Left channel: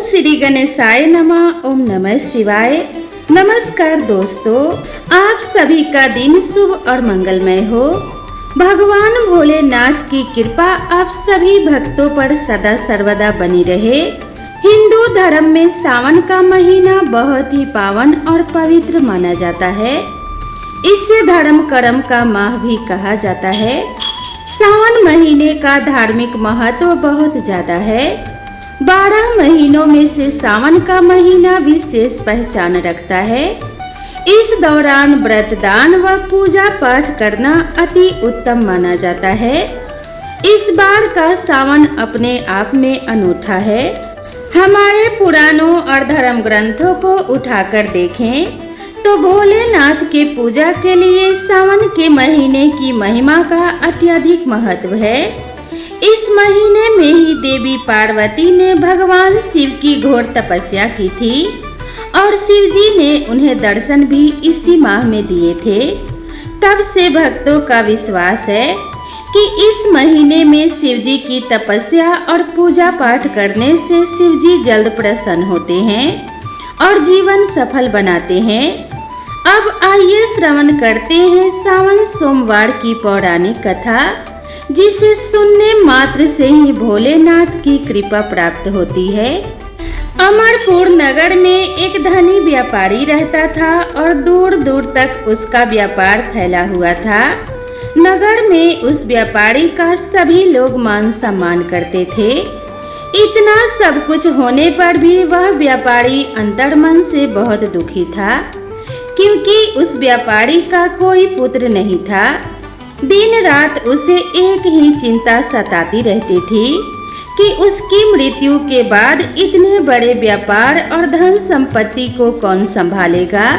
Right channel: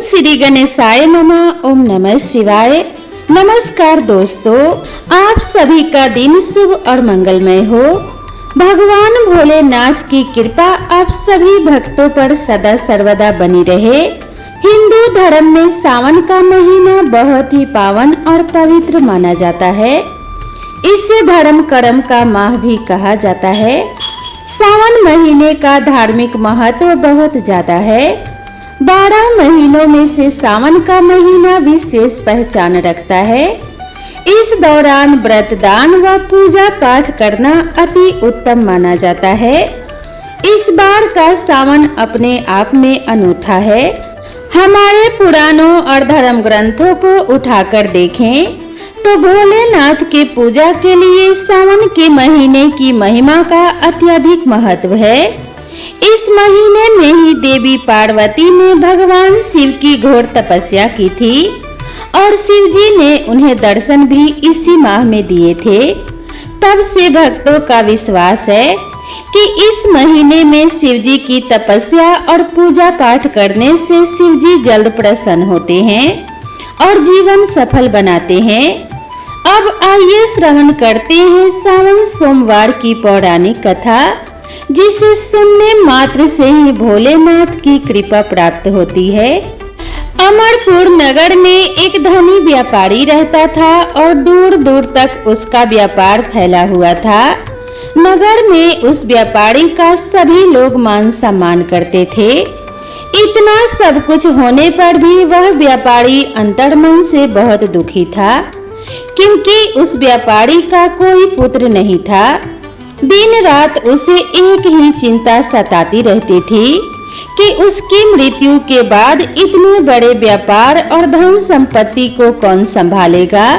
श्री गणेशाय नमः। ओम नमः शिवाय। नमस्कार दोस्तों, आप सभी का दिन शुभ और मंगलमय हो। भगवान भोलेनाथ की कृपा आप सभी भक्तों पर सदा सर्वदा बनी रहे। हिंदू धर्म में सावन का महीना बहुत ही पावन और पवित्र माना जाता है। इसे धर्म कर्म का माह भी कहा जाता है। सावन महीने का धार्मिक महत्व बहुत ज्यादा है। 12 महीनों में से सावन का महीना विशेष पहचान रखता है। इस दौरान व्रत दान व पूजा पाठ करना अति उत्तम माना जाता है। इस बार का सावन अपने आप में अनूठा है। हमारे पुराणों और धर्म ग्रंथों को उठाकर देखें तो भोलेनाथ के पूजा के लिए सावन के महीने की महिमा का अत्यधिक महत्व है। इस महीने में ही देवी पार्वती ने भगवान शिव की घोर तपस्या की थी और शिव जी ने उन्हें दर्शन भी इसी माह में दिए थे। तब से भक्तों का विश्वास है कि इस महीने में शिव जी की तपस्या और पूजा पाठ करने से शिव जी जल्द प्रसन्न होते हैं और जीवन सफल बनाते हैं। अब आइए श्रवण करते हैं सावन सोमवार की पौराणिक कथा, जिसे सुनने मात्र से ही भोलेनाथ की कृपा प्राप्त होती है। अमरपुर नगर में एक धनी व्यापारी रहता था और दूर दूर तक उसका व्यापार फैला हुआ था। नगर में उस व्यापारी का सभी लोग मान सम्मान करते थे। इतना सब कुछ होने पर भी वह व्यापारी अंतर्मन से बहुत दुखी था, क्योंकि उस व्यापारी का कोई पुत्र नहीं था। दिन रात उसे एक ही चिंता सताती रहती थी कि उसकी मृत्यु के बाद इतने बड़े व्यापार और धन संपत्ति को कौन संभालेगा।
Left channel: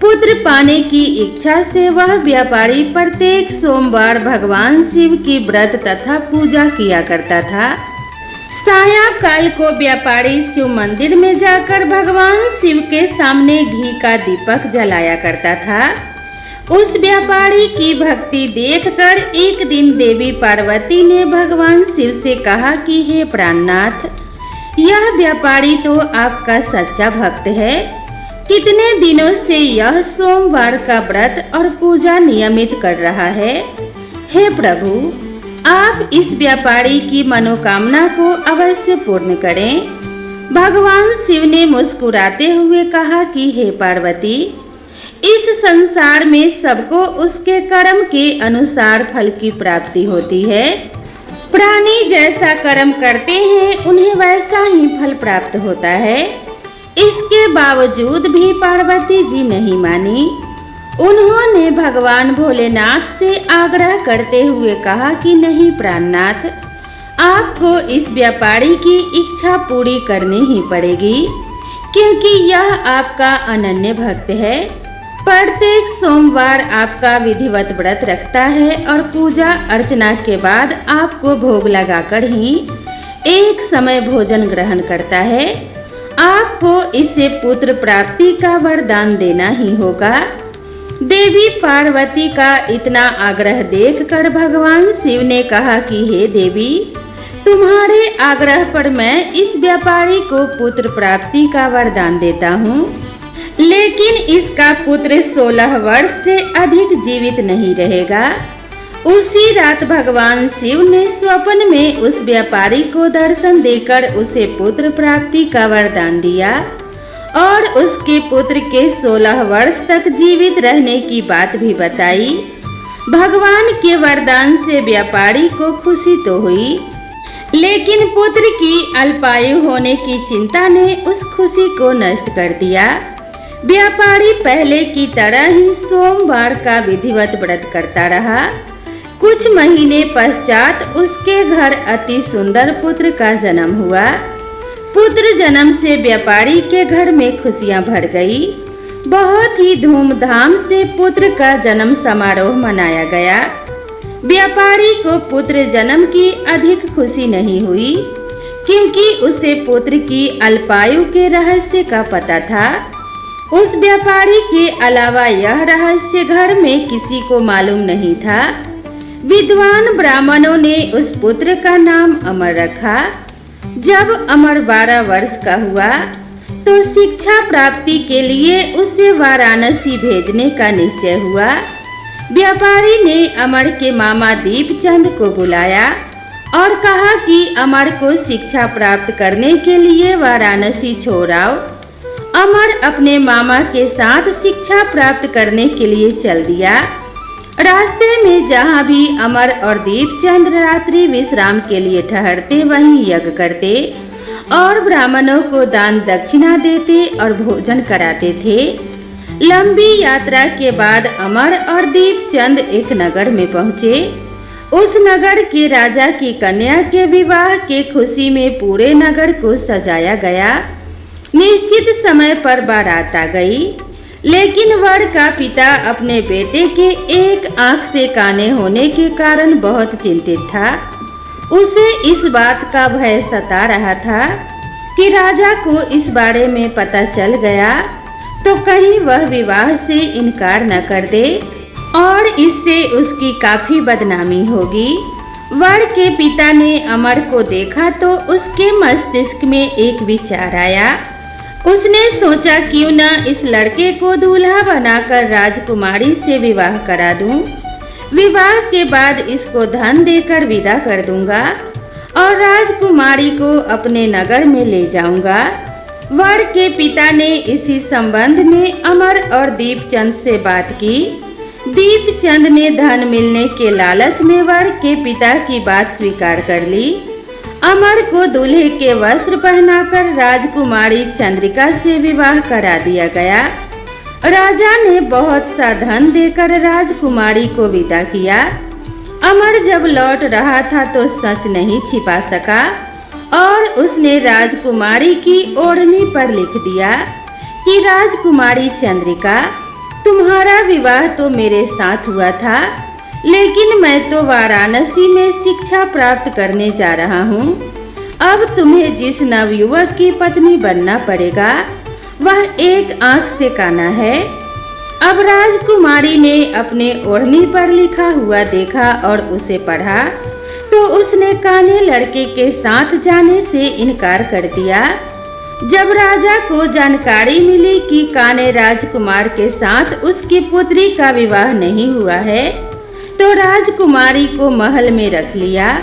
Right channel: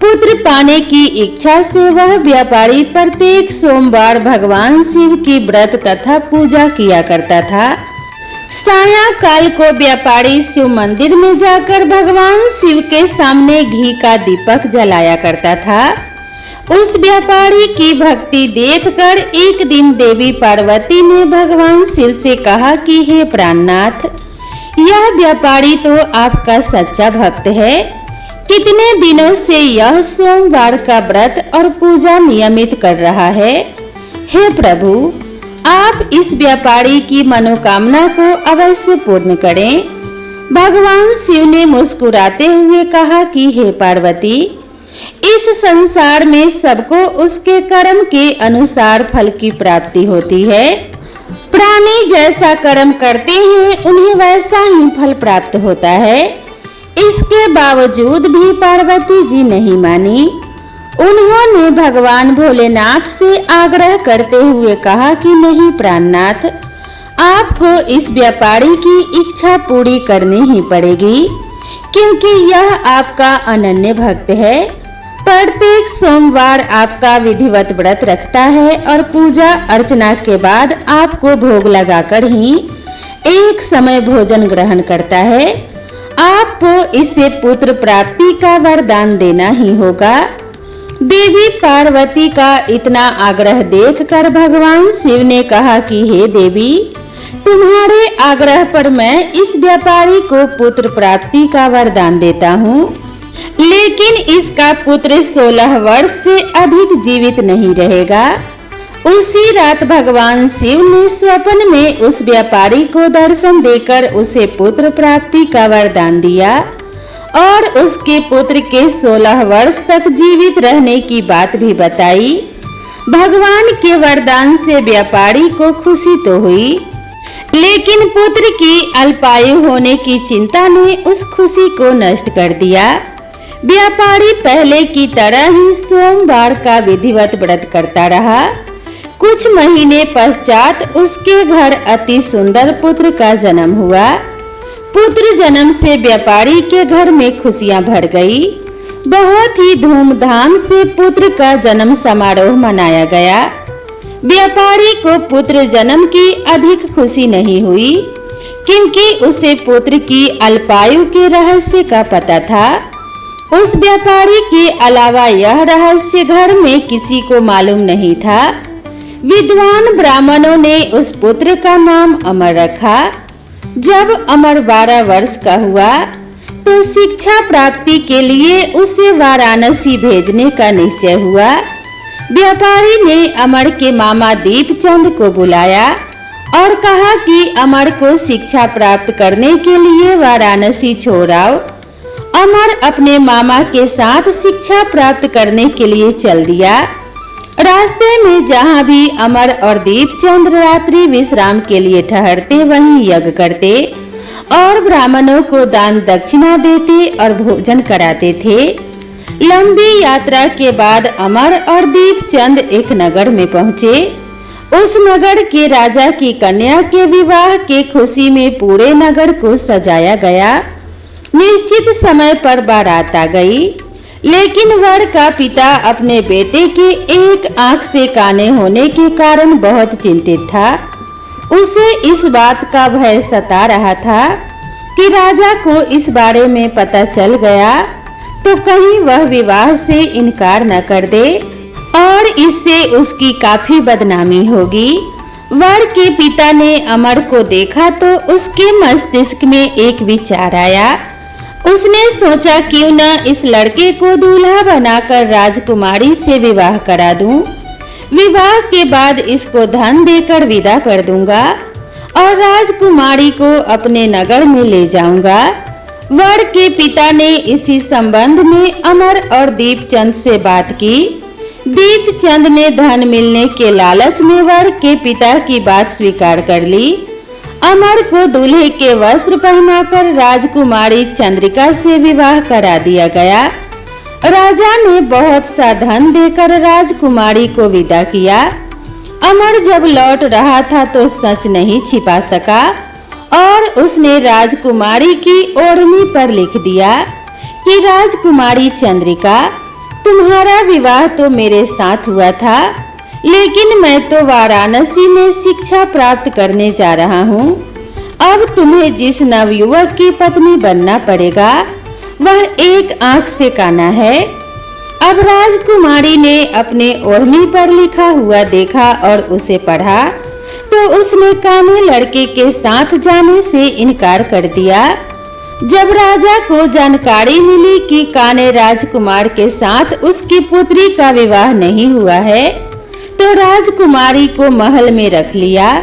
पुत्र पाने की इच्छा से वह व्यापारी प्रत्येक सोमवार भगवान शिव की व्रत तथा पूजा किया करता था। सायंकाल को व्यापारी शिव मंदिर में जाकर भगवान शिव के सामने घी का दीपक जलाया करता था। उस व्यापारी की भक्ति देखकर एक दिन देवी पार्वती ने भगवान शिव से कहा कि हे प्राणनाथ, यह व्यापारी तो आपका सच्चा भक्त है। कितने दिनों से यह सोमवार का व्रत और पूजा नियमित कर रहा है। हे प्रभु, आप इस व्यापारी की मनोकामना को अवश्य पूर्ण करें। भगवान शिव ने मुस्कुराते हुए कहा कि हे पार्वती, इस संसार में सबको उसके कर्म के अनुसार फल की प्राप्ति होती है। प्राणी जैसा कर्म करते हैं उन्हें वैसा ही फल प्राप्त होता है। इसके बावजूद भी पार्वती जी नहीं मानी। उन्होंने भगवान भोलेनाथ से आग्रह करते हुए कहा कि नहीं प्राणनाथ, आपको इस व्यापारी की इच्छा पूरी करनी ही पड़ेगी, क्योंकि यह आपका अनन्य भक्त है। प्रत्येक सोमवार आपका विधिवत व्रत रखता है और पूजा अर्चना के बाद आपको भोग लगाकर ही एक समय भोजन ग्रहण करता है। आपको इससे पुत्र प्राप्ति का वरदान देना ही होगा। देवी पार्वती का इतना आग्रह देखकर भगवान शिव ने कहा कि हे देवी, तुम्हारे आग्रह पर मैं इस व्यापारी को पुत्र प्राप्ति का वरदान देता हूँ, लेकिन इसका पुत्र 16 वर्ष से अधिक जीवित नहीं रहेगा। उसी रात भगवान शिव ने स्वप्न में उस व्यापारी को दर्शन देकर उसे पुत्र प्राप्ति का वरदान दिया और उसके पुत्र के 16 वर्ष तक जीवित रहने की बात भी बताई। भगवान के वरदान से व्यापारी को खुशी तो हुई, लेकिन पुत्र की अल्पायु होने की चिंता ने उस खुशी को नष्ट कर दिया। व्यापारी पहले की तरह ही सोमवार का विधिवत व्रत करता रहा। कुछ महीने पश्चात उसके घर अति सुंदर पुत्र का जन्म हुआ। पुत्र जन्म से व्यापारी के घर में खुशियां भर गई। बहुत ही धूमधाम से पुत्र का जन्म समारोह मनाया गया। व्यापारी को पुत्र जन्म की अधिक खुशी नहीं हुई, क्योंकि उसे पुत्र की अल्पायु के रहस्य का पता था। उस व्यापारी के अलावा यह रहस्य घर में किसी को मालूम नहीं था। विद्वान ब्राह्मणों ने उस पुत्र का नाम अमर रखा। जब अमर 12 वर्ष का हुआ तो शिक्षा प्राप्ति के लिए उसे वाराणसी भेजने का निश्चय हुआ। व्यापारी ने अमर के मामा दीपचंद को बुलाया और कहा कि अमर को शिक्षा प्राप्त करने के लिए वाराणसी छोड़ आओ। अमर अपने मामा के साथ शिक्षा प्राप्त करने के लिए चल दिया। रास्ते में जहाँ भी अमर और दीपचंद रात्रि विश्राम के लिए ठहरते वहीं यज्ञ करते और ब्राह्मणों को दान दक्षिणा देते और भोजन कराते थे। लंबी यात्रा के बाद अमर और दीपचंद एक नगर में पहुँचे। उस नगर के राजा की कन्या के विवाह के खुशी में पूरे नगर को सजाया गया। निश्चित समय पर बारात आ गई, लेकिन वर का पिता अपने बेटे के एक आंख से काने होने के कारण बहुत चिंतित था। उसे इस बात का भय सता रहा था कि राजा को इस बारे में पता चल गया तो कहीं वह विवाह से इनकार न कर दे और इससे उसकी काफी बदनामी होगी। वर के पिता ने अमर को देखा तो उसके मस्तिष्क में एक विचार आया। उसने सोचा क्यों न इस लड़के को दूल्हा बनाकर राजकुमारी से विवाह करा दूं। विवाह के बाद इसको धन देकर विदा कर दूंगा और राजकुमारी को अपने नगर में ले जाऊंगा। वर के पिता ने इसी संबंध में अमर और दीपचंद से बात की। दीपचंद ने धन मिलने के लालच में वर के पिता की बात स्वीकार कर ली। अमर को दूल्हे के वस्त्र पहनाकर राजकुमारी चंद्रिका से विवाह करा दिया गया। राजा ने बहुत सा धन देकर राजकुमारी को विदा किया। अमर जब लौट रहा था तो सच नहीं छिपा सका और उसने राजकुमारी की ओढ़नी पर लिख दिया कि राजकुमारी चंद्रिका, तुम्हारा विवाह तो मेरे साथ हुआ था, लेकिन मैं तो वाराणसी में शिक्षा प्राप्त करने जा रहा हूँ। अब तुम्हें जिस नवयुवक की पत्नी बनना पड़ेगा वह एक आंख से काना है। अब राजकुमारी ने अपने ओढ़नी पर लिखा हुआ देखा और उसे पढ़ा तो उसने काने लड़के के साथ जाने से इनकार कर दिया। जब राजा को जानकारी मिली कि काने राजकुमार के साथ उसकी पुत्री का विवाह नहीं हुआ है तो राजकुमारी को महल में रख लिया।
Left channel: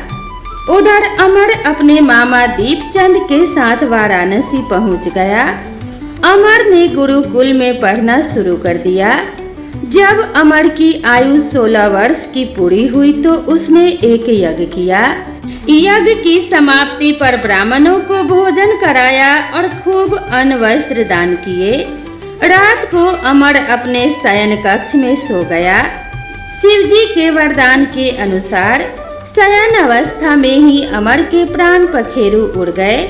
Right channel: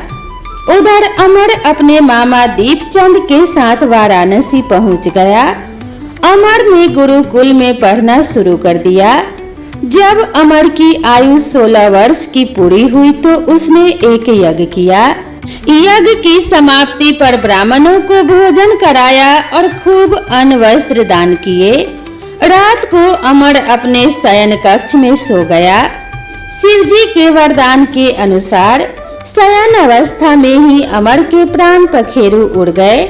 उधर अमर अपने मामा दीपचंद के साथ वाराणसी पहुंच गया। अमर ने गुरुकुल में पढ़ना शुरू कर दिया। जब अमर की आयु 16 वर्ष की पूरी हुई तो उसने एक यज्ञ किया। यज्ञ की समाप्ति पर ब्राह्मणों को भोजन कराया और खूब अन्न वस्त्र दान किए। रात को अमर अपने शयन कक्ष में सो गया। शिवजी के वरदान के अनुसार शयन अवस्था में ही अमर के प्राण पखेरु उड़ गए।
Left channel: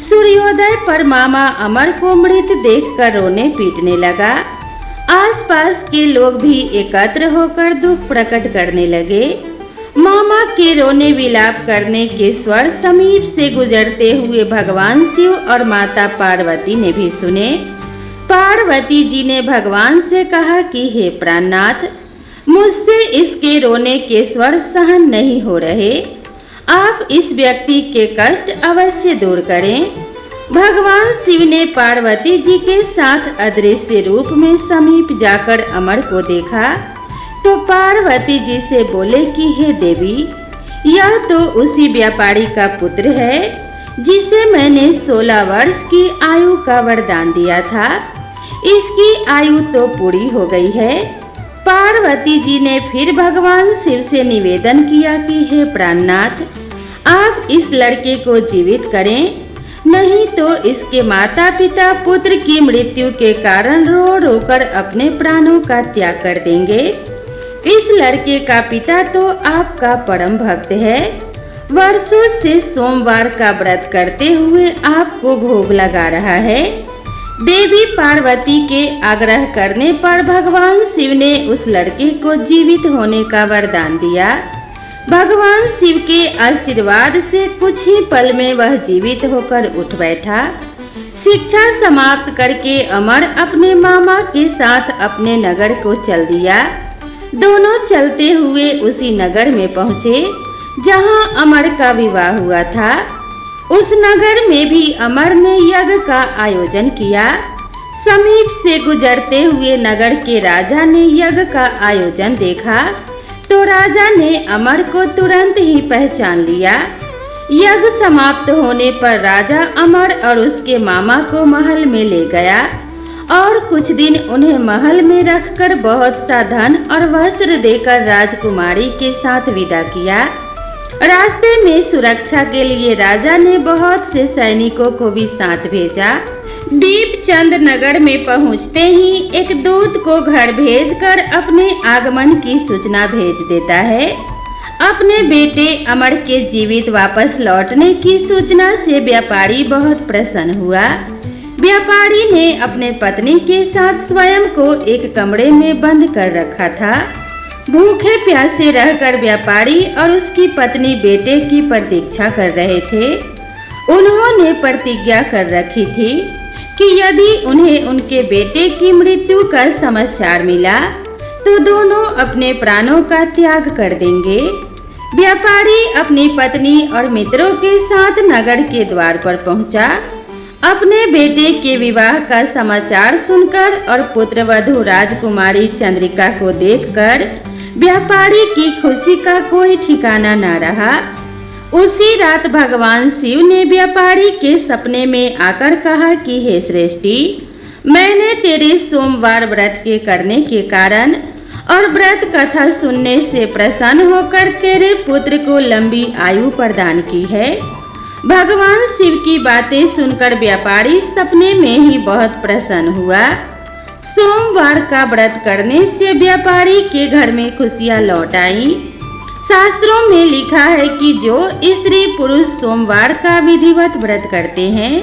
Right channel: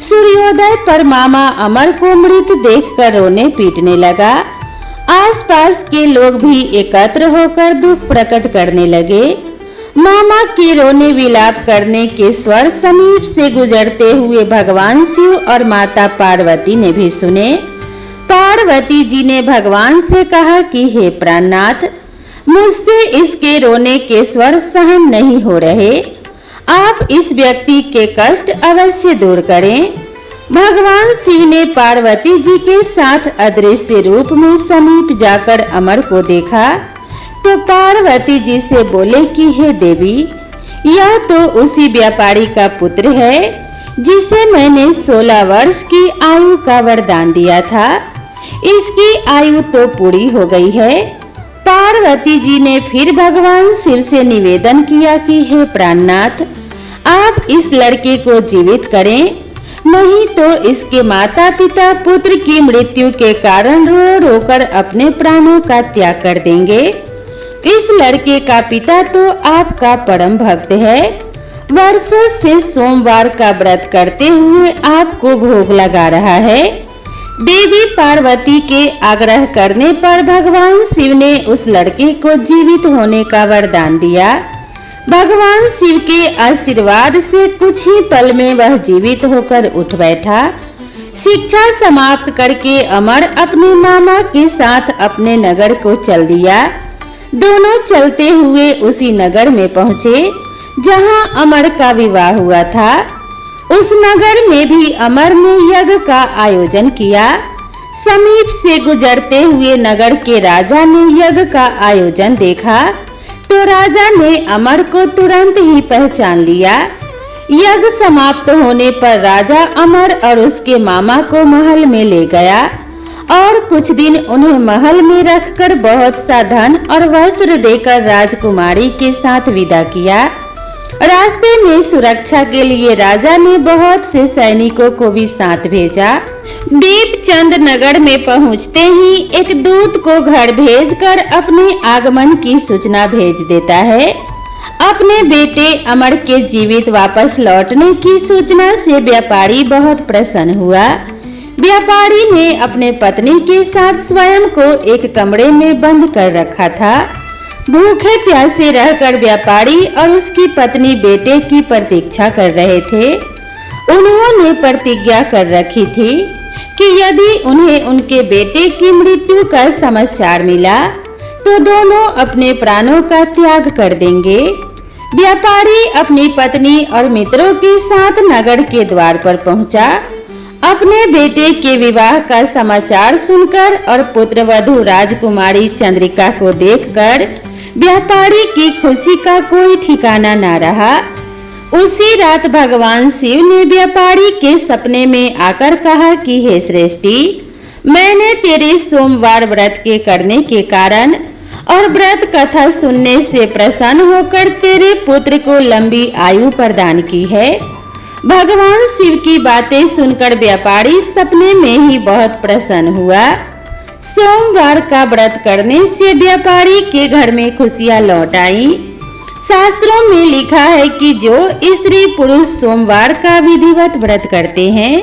सूर्योदय पर मामा अमर को मृत देखकर रोने पीटने लगा। आसपास के लोग भी एकत्र होकर दुख प्रकट करने लगे। मामा के रोने विलाप करने के स्वर समीप से गुजरते हुए भगवान शिव और माता पार्वती ने भी सुने। पार्वती जी ने भगवान से कहा कि हे प्राणनाथ, मुझसे इसके रोने के स्वर सहन नहीं हो रहे, आप इस व्यक्ति के कष्ट अवश्य दूर करें। भगवान शिव ने पार्वती जी के साथ अदृश्य रूप में समीप जाकर अमर को देखा तो पार्वती जी से बोले कि हे देवी, यह तो उसी व्यापारी का पुत्र है जिसे मैंने 16 वर्ष की आयु का वरदान दिया था। इसकी आयु तो पूरी हो गई है। पार्वती जी ने फिर भगवान शिव से निवेदन किया कि हे प्राणनाथ, आप इस लड़के को जीवित करें, नहीं तो इसके माता पिता पुत्र की मृत्यु के कारण रो रो कर अपने प्राणों का त्याग कर देंगे। इस लड़के का पिता तो आपका परम भक्त है, वर्षों से सोमवार का व्रत करते हुए आपको भोग लगा रहा है। देवी पार्वती के आग्रह करने पर भगवान शिव ने उस लड़के को जीवित होने का वरदान दिया। भगवान शिव के आशीर्वाद से कुछ ही पल में वह जीवित होकर उठ बैठा। शिक्षा समाप्त करके अमर अपने मामा के साथ अपने नगर को चल दिया। दोनों चलते हुए उसी नगर में पहुँचे जहाँ अमर का विवाह हुआ था। उस नगर में भी अमर ने यज्ञ का आयोजन किया। समीप से गुजरते हुए नगर के राजा ने यज्ञ का आयोजन देखा तो राजा ने अमर को तुरंत ही पहचान लिया। यज्ञ समाप्त होने पर राजा अमर और उसके मामा को महल में ले गया और कुछ दिन उन्हें महल में रखकर बहुत सा धन और वस्त्र देकर राजकुमारी के साथ विदा किया। रास्ते में सुरक्षा के लिए राजा ने बहुत से सैनिकों को भी साथ भेजा। दीपचंद नगर में पहुंचते ही एक दूत को घर भेजकर अपने आगमन की सूचना भेज देता है। अपने बेटे अमर के जीवित वापस लौटने की सूचना से व्यापारी बहुत प्रसन्न हुआ। व्यापारी ने अपने पत्नी के साथ स्वयं को एक कमरे में बंद कर रखा था। भूखे प्यासे रहकर व्यापारी और उसकी पत्नी बेटे की प्रतीक्षा कर रहे थे। उन्होंने प्रतिज्ञा कर रखी थी कि यदि उन्हें उनके बेटे की मृत्यु का समाचार मिला तो दोनों अपने प्राणों का त्याग कर देंगे। व्यापारी अपनी पत्नी और मित्रों के साथ नगर के द्वार पर पहुंचा। अपने बेटे के विवाह का समाचार सुनकर और पुत्रवधू राजकुमारी चंद्रिका को देखकर व्यापारी की खुशी का कोई ठिकाना न रहा। उसी रात भगवान शिव ने व्यापारी के सपने में आकर कहा कि हे श्रेष्ठी, मैंने तेरे सोमवार व्रत के करने के कारण और व्रत कथा सुनने से प्रसन्न होकर तेरे पुत्र को लंबी आयु प्रदान की है। भगवान शिव की बातें सुनकर व्यापारी सपने में ही बहुत प्रसन्न हुआ। सोमवार का व्रत करने से व्यापारी के घर में खुशियां लौट आई। शास्त्रों में लिखा है कि जो स्त्री पुरुष सोमवार का विधिवत व्रत करते हैं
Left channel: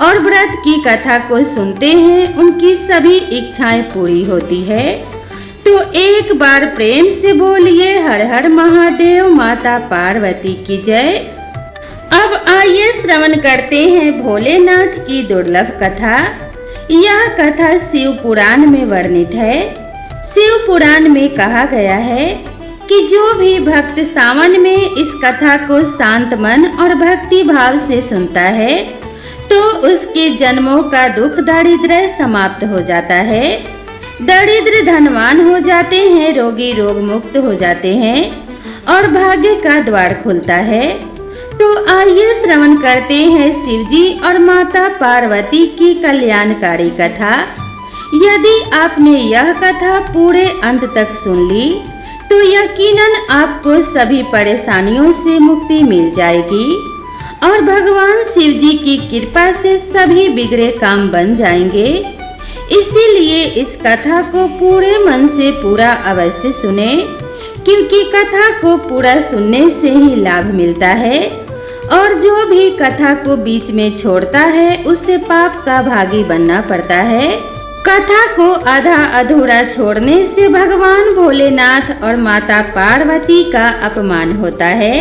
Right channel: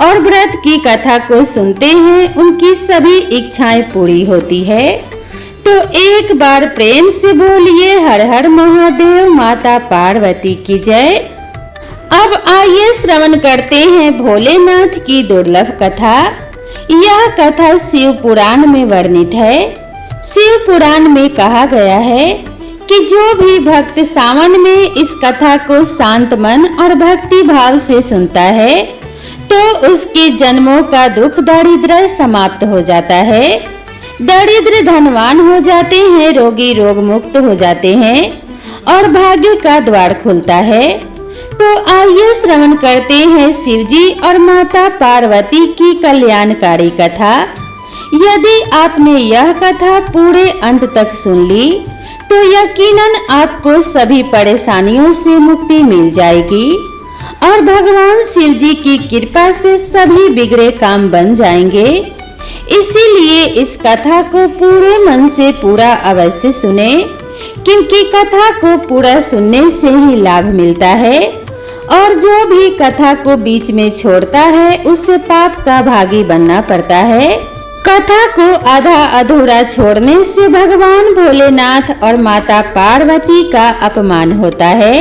और व्रत की कथा को सुनते हैं उनकी सभी इच्छाएं पूरी होती है। तो एक बार प्रेम से बोलिए हर हर महादेव माता पार्वती की जय। अब आइए श्रवण करते हैं भोलेनाथ की दुर्लभ कथा। यह कथा शिव पुराण में वर्णित है। शिव पुराण में कहा गया है कि जो भी भक्त सावन में इस कथा को शांत मन और भक्ति भाव से सुनता है तो उसके जन्मों का दुख दारिद्र्य समाप्त हो जाता है। दरिद्र धनवान हो जाते हैं, रोगी रोग मुक्त हो जाते हैं और भाग्य का द्वार खुलता है। तो आइए श्रवण करते हैं शिवजी और माता पार्वती की कल्याणकारी कथा। यदि आपने यह कथा पूरे अंत तक सुन ली तो यकीनन आपको सभी परेशानियों से मुक्ति मिल जाएगी और भगवान शिवजी की कृपा से सभी बिगड़े काम बन जाएंगे। इसीलिए इस कथा को पूरे मन से पूरा अवश्य सुने, क्योंकि कथा को पूरा सुनने से ही लाभ मिलता है और जो भी कथा को बीच में छोड़ता है उसे पाप का भागी बनना पड़ता है। कथा को आधा अधूरा छोड़ने से भगवान भोलेनाथ और माता पार्वती का अपमान होता है।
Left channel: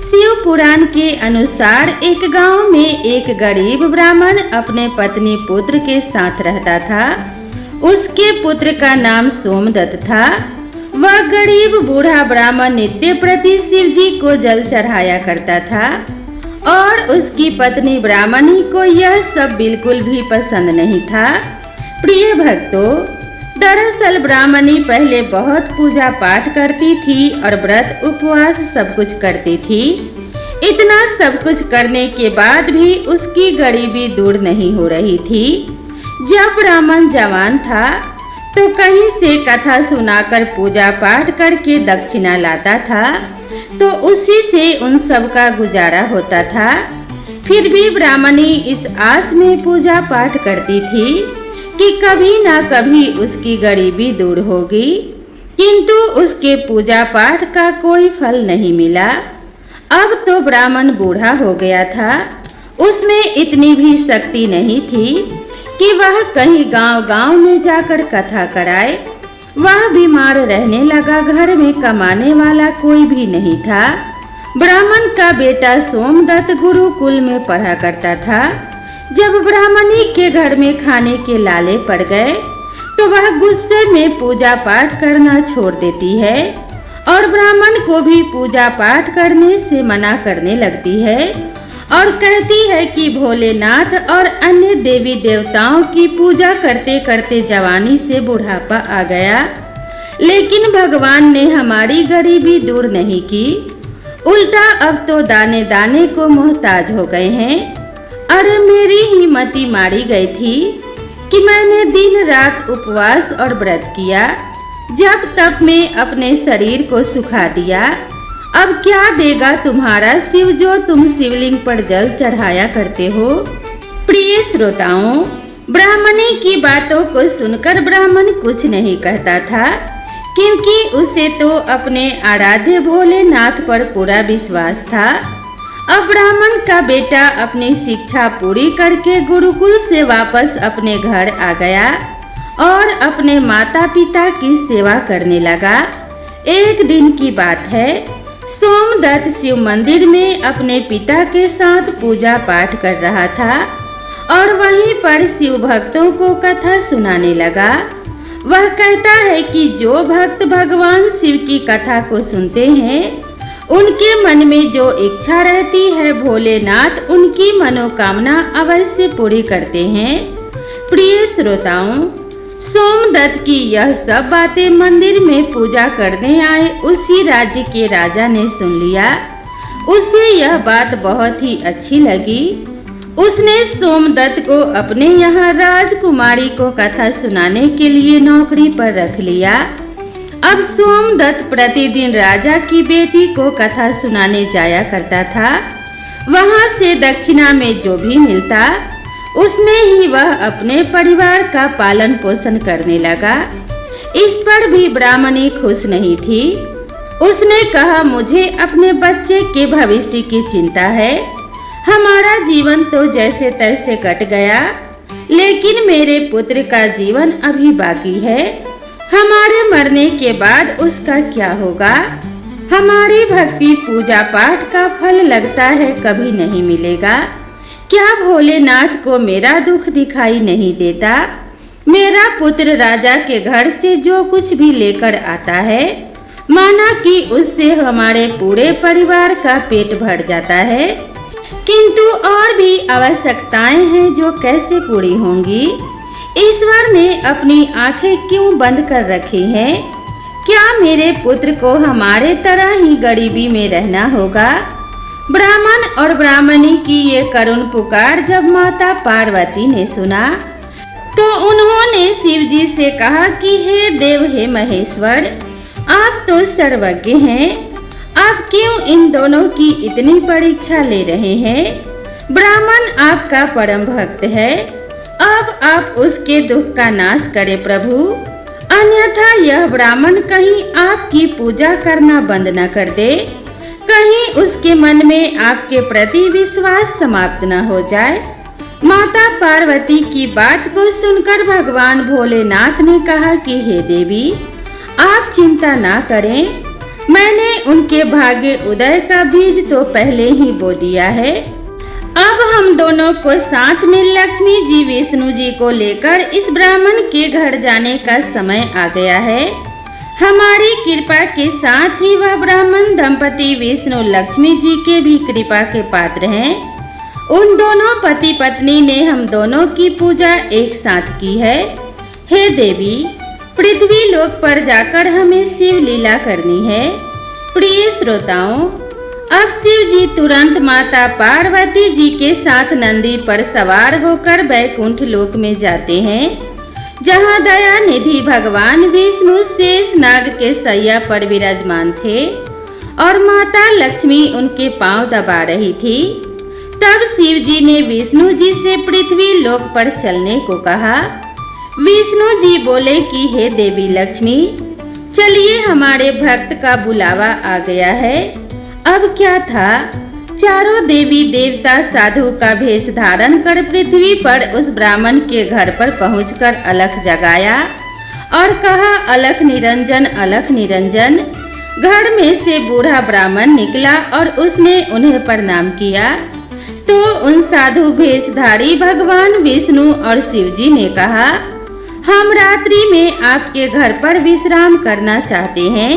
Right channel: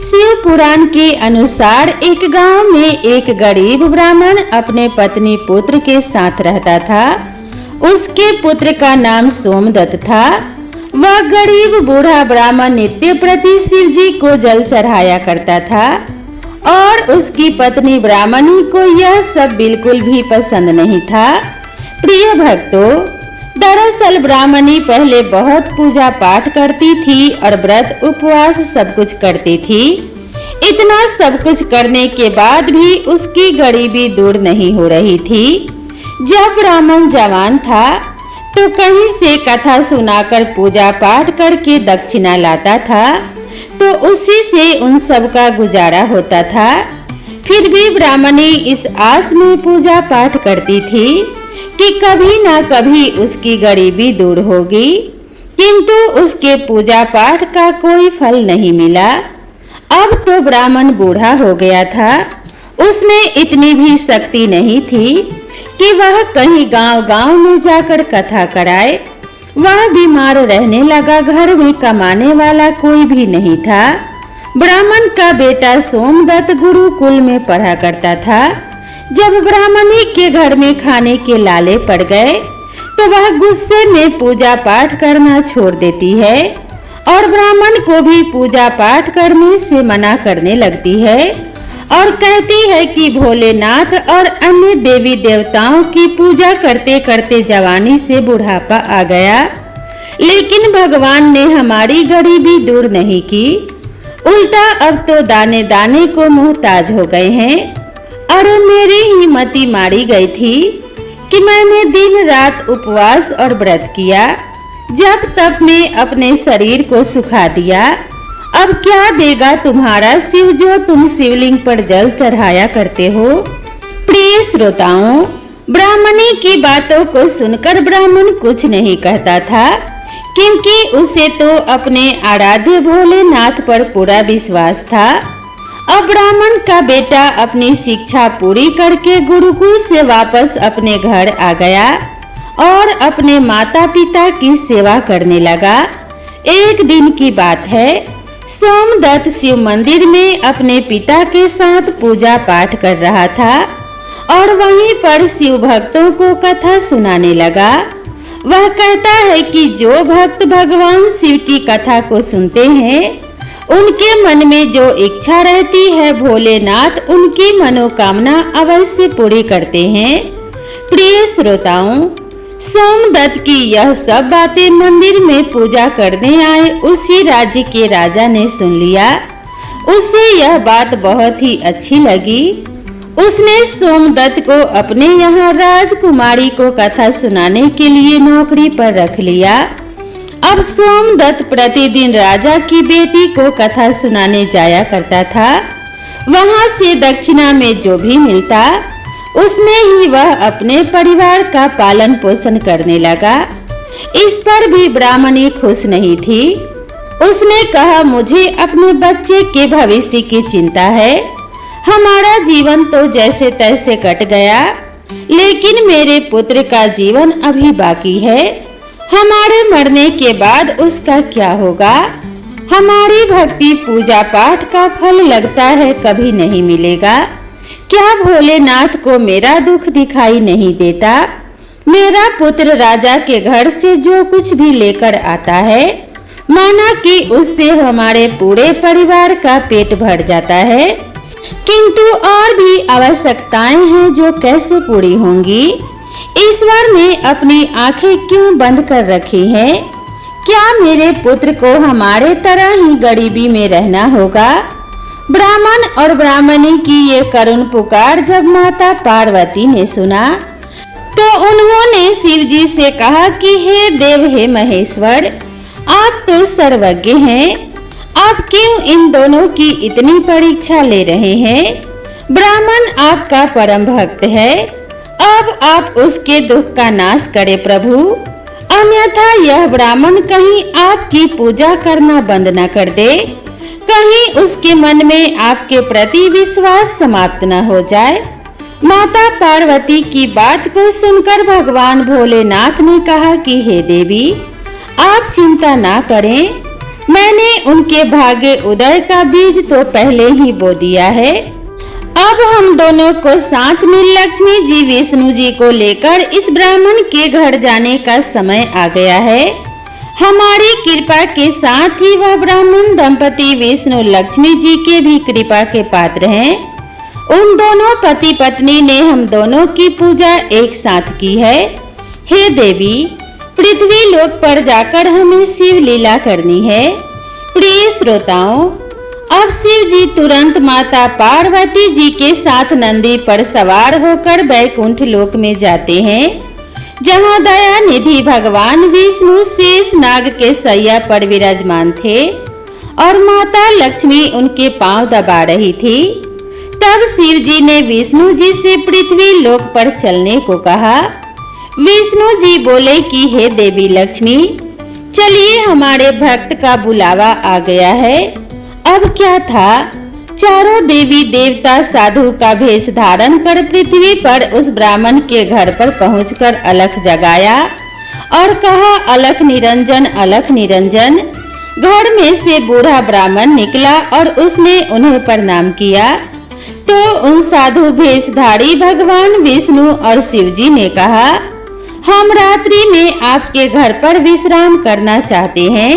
शिव पुराण के अनुसार एक गांव में एक गरीब ब्राह्मण अपने पत्नी पुत्र के साथ रहता था। उसके पुत्र का नाम सोमदत्त था। वह गरीब बूढ़ा ब्राह्मण नित्य प्रति शिव जी को जल चढ़ाया करता था और उसकी पत्नी ब्राह्मणी को यह सब बिल्कुल भी पसंद नहीं था। प्रिय भक्तों, दरअसल ब्राह्मणी पहले बहुत पूजा पाठ करती थी और व्रत उपवास सब कुछ करती थी। इतना सब कुछ करने के बाद भी उसकी गरीबी दूर नहीं हो रही थी। जब ब्राह्मण जवान था तो कहीं से कथा सुनाकर पूजा पाठ करके दक्षिणा लाता था, तो उसी से उन सब का गुजारा होता था। फिर भी ब्राह्मणी इस आस में पूजा पाठ करती थी कि कभी ना कभी उसकी गरीबी दूर होगी, किंतु उसके पूजा पाठ का कोई फल नहीं मिला। अब तो ब्राह्मण बूढ़ा हो गया था। उसमें इतनी भी शक्ति नहीं थी कि वह कहीं गांव-गांव में जाकर कथा कराए। वह बीमार रहने लगा। घर में कमाने वाला कोई भी नहीं था। ब्राह्मण का बेटा सोमदत्त गुरुकुल में पढ़ा करता था। जब ब्राह्मणी के घर में खाने के लाले पड़ गए तो वह गुस्से में पूजा पाठ करना छोड़ देती है और ब्राह्मण को भी पूजा पाठ करने से मना करने लगती है और कहती है कि भोलेनाथ और अन्य देवी देवताओं की पूजा करते करते जवानी से बुढ़ापा आ गया, लेकिन भगवान ने हमारी गरीबी दूर नहीं की, उल्टा अब तो दाने दाने को मोहताज हो गए हैं। अरे मेरी ही मति मारी गई थी कि मैंने दिन रात उपवास और व्रत किया, जब तब में अपने शरीर को सुखा दिया। अब क्या देगा तुम्हारा शिव जो तुम शिवलिंग पर जल चढ़ाया करते हो। प्रिय श्रोताओं, ब्राह्मणी की बातों को सुनकर ब्राह्मण कुछ नहीं कहता था, क्योंकि उसे तो अपने आराध्य भोलेनाथ पर पूरा विश्वास था। अब ब्राह्मण का बेटा अपनी शिक्षा पूरी करके गुरुकुल से वापस अपने घर आ गया और अपने माता पिता की सेवा करने लगा। एक दिन की बात है, सोमदत्त शिव मंदिर में अपने पिता के साथ पूजा पाठ कर रहा था और वहीं पर शिव भक्तों को कथा सुनाने लगा। वह कहता है कि जो भक्त भगवान शिव की कथा को सुनते हैं, उनके मन में जो इच्छा रहती है, भोलेनाथ उनकी मनोकामना अवश्य पूरी करते हैं। प्रिय श्रोताओं, सोमदत्त की यह सब बातें मंदिर में पूजा करने आए उसी राज्य के राजा ने सुन लिया। उसे यह बात बहुत ही अच्छी लगी। उसने सोमदत्त को अपने यहाँ राजकुमारी को कथा सुनाने के लिए नौकरी पर रख लिया। अब सोमदत्त प्रतिदिन राजा की बेटी को कथा सुनाने जाया करता था। वहाँ से दक्षिणा में जो भी मिलता, उसमें ही वह अपने परिवार का पालन पोषण करने लगा। इस पर भी ब्राह्मणी खुश नहीं थी। उसने कहा, मुझे अपने बच्चे के भविष्य की चिंता है। हमारा जीवन तो जैसे तैसे कट गया, लेकिन मेरे पुत्र का जीवन अभी बाकी है। हमारे मरने के बाद उसका क्या होगा। हमारी भक्ति पूजा पाठ का फल लगता है कभी नहीं मिलेगा। क्या भोलेनाथ को मेरा दुख दिखाई नहीं देता। मेरा पुत्र राजा के घर से जो कुछ भी लेकर आता है, माना कि उससे हमारे पूरे परिवार का पेट भर जाता है, किंतु और भी आवश्यकताएं हैं जो कैसे पूरी होंगी। ईश्वर ने अपनी आंखें क्यों बंद कर रखी हैं? क्या मेरे पुत्र को हमारे तरह ही गरीबी में रहना होगा? ब्राह्मण और ब्राह्मणी की ये करुण पुकार जब माता पार्वती ने सुना, तो उन्होंने शिव जी से कहा कि हे देव, हे महेश्वर, आप तो सर्वज्ञ हैं। आप क्यों इन दोनों की इतनी परीक्षा ले रहे हैं? ब्राह्मण आपका परम भक्त है, अब आप उसके दुख का नाश करें प्रभु, अन्यथा यह ब्राह्मण कहीं आपकी पूजा करना बंद न कर दे, कहीं उसके मन में आपके प्रति विश्वास समाप्त न हो जाए। माता पार्वती की बात को सुनकर भगवान भोलेनाथ ने कहा कि हे देवी, आप चिंता ना करें, मैंने उनके भाग्य उदय का बीज तो पहले ही बो दिया है। अब हम दोनों को साथ में लक्ष्मी जी विष्णु जी को लेकर इस ब्राह्मण के घर जाने का समय आ गया है। हमारी कृपा के साथ ही वह ब्राह्मण दंपति विष्णु लक्ष्मी जी के भी कृपा के पात्र हैं। उन दोनों पति पत्नी ने हम दोनों की पूजा एक साथ की है। हे देवी, पृथ्वी लोक पर जाकर हमें शिव लीला करनी है। प्रिय श्रोताओं, अब शिव जी तुरंत माता पार्वती जी के साथ नंदी पर सवार होकर बैकुंठ लोक में जाते हैं, जहाँ दया निधि भगवान विष्णु शेष नाग के सैया पर विराजमान थे और माता लक्ष्मी उनके पांव दबा रही थी। तब शिव जी ने विष्णु जी से पृथ्वी लोक पर चलने को कहा। विष्णु जी बोले कि हे देवी लक्ष्मी, चलिए, हमारे भक्त का बुलावा आ गया है। अब क्या था, चारों देवी देवता साधु का भेष धारण कर पृथ्वी पर उस ब्राह्मण के घर पर पहुंचकर अलख जगाया और कहा, अलख निरंजन, अलख निरंजन। घर में से बूढ़ा ब्राह्मण निकला और उसने उन्हें प्रणाम किया। तो उन साधु भेषधारी भगवान विष्णु और शिव जी ने कहा, हम रात्रि में आपके घर पर विश्राम करना चाहते हैं।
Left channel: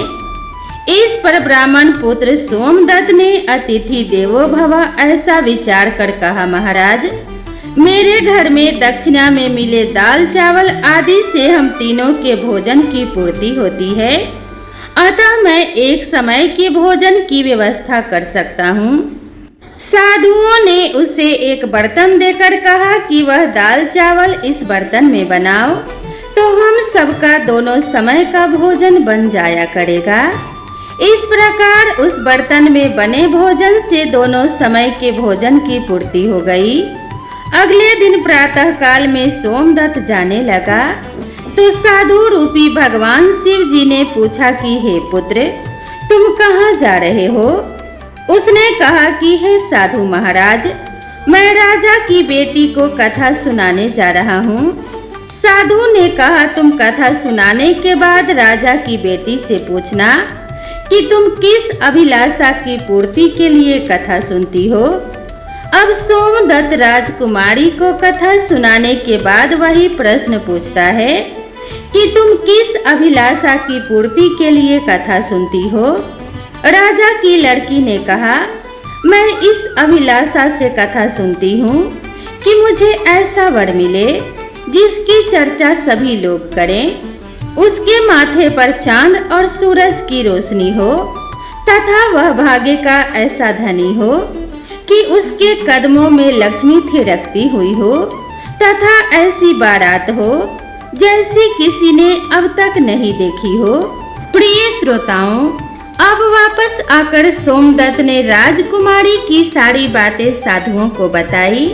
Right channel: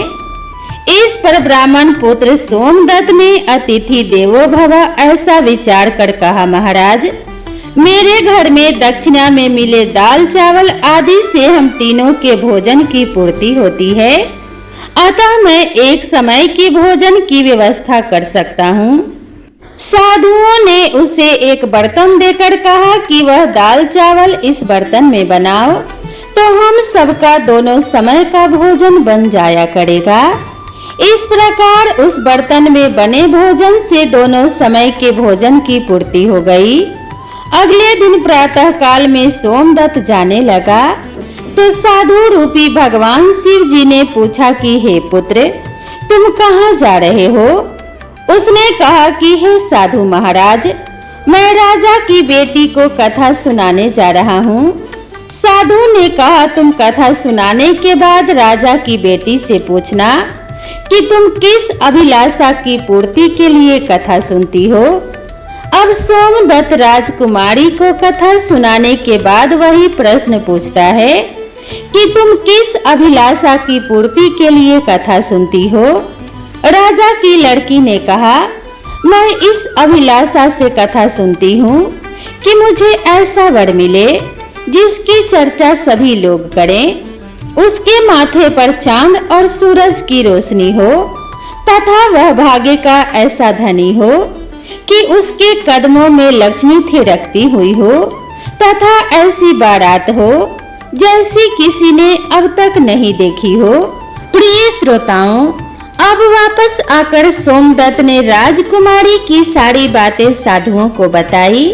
इस पर ब्राह्मण पुत्र सोमदत्त ने अतिथि देवो भव ऐसा विचार कर कहा, महाराज मेरे घर में दक्षिणा में मिले दाल चावल आदि से हम तीनों के भोजन की पूर्ति होती है, अतः मैं एक समय के भोजन की व्यवस्था कर सकता हूँ। साधुओं ने उसे एक बर्तन देकर कहा कि वह दाल चावल इस बर्तन में बनाओ, तो हम सबका दोनों समय का भोजन बन जाया करेगा। इस प्रकार उस बर्तन में बने भोजन से दोनों समय के भोजन की पूर्ति हो गई। अगले दिन प्रातः काल में सोमदत्त जाने लगा तो साधु रूपी भगवान शिव जी ने पूछा कि हे पुत्र, तुम कहाँ जा रहे हो? उसने कहा कि हे साधु महाराज, मैं राजा की बेटी को कथा सुनाने जा रहा हूँ। साधु ने कहा, तुम कथा सुनाने के बाद राजा की बेटी से पूछना कि तुम किस अभिलाषा की पूर्ति के लिए कथा सुनती हो। अब सोमदत्त राजकुमारी को कथा सुनाने के बाद वही प्रश्न पूछता है कि तुम किस अभिलाषा की पूर्ति के लिए कथा सुनती हो। राजा की लड़की ने कहा, मैं इस अभिलाषा से कथा सुनती हूँ कि मुझे ऐसा वर मिले जिसकी चर्चा सभी लोग करें, उसके माथे पर चांद और सूरज की रोशनी हो तथा वह भाग्य का ऐसा धनी हो कि उसके कदमों में लक्ष्मी थिरकती हुई हो तथा ऐसी बारात हो जैसी किसी ने अब तक नहीं देखी हो। प्रिय श्रोताओं, अब वापस आकर सोमदत्त ने राजकुमारी की सारी बातें साधुओं को बताई।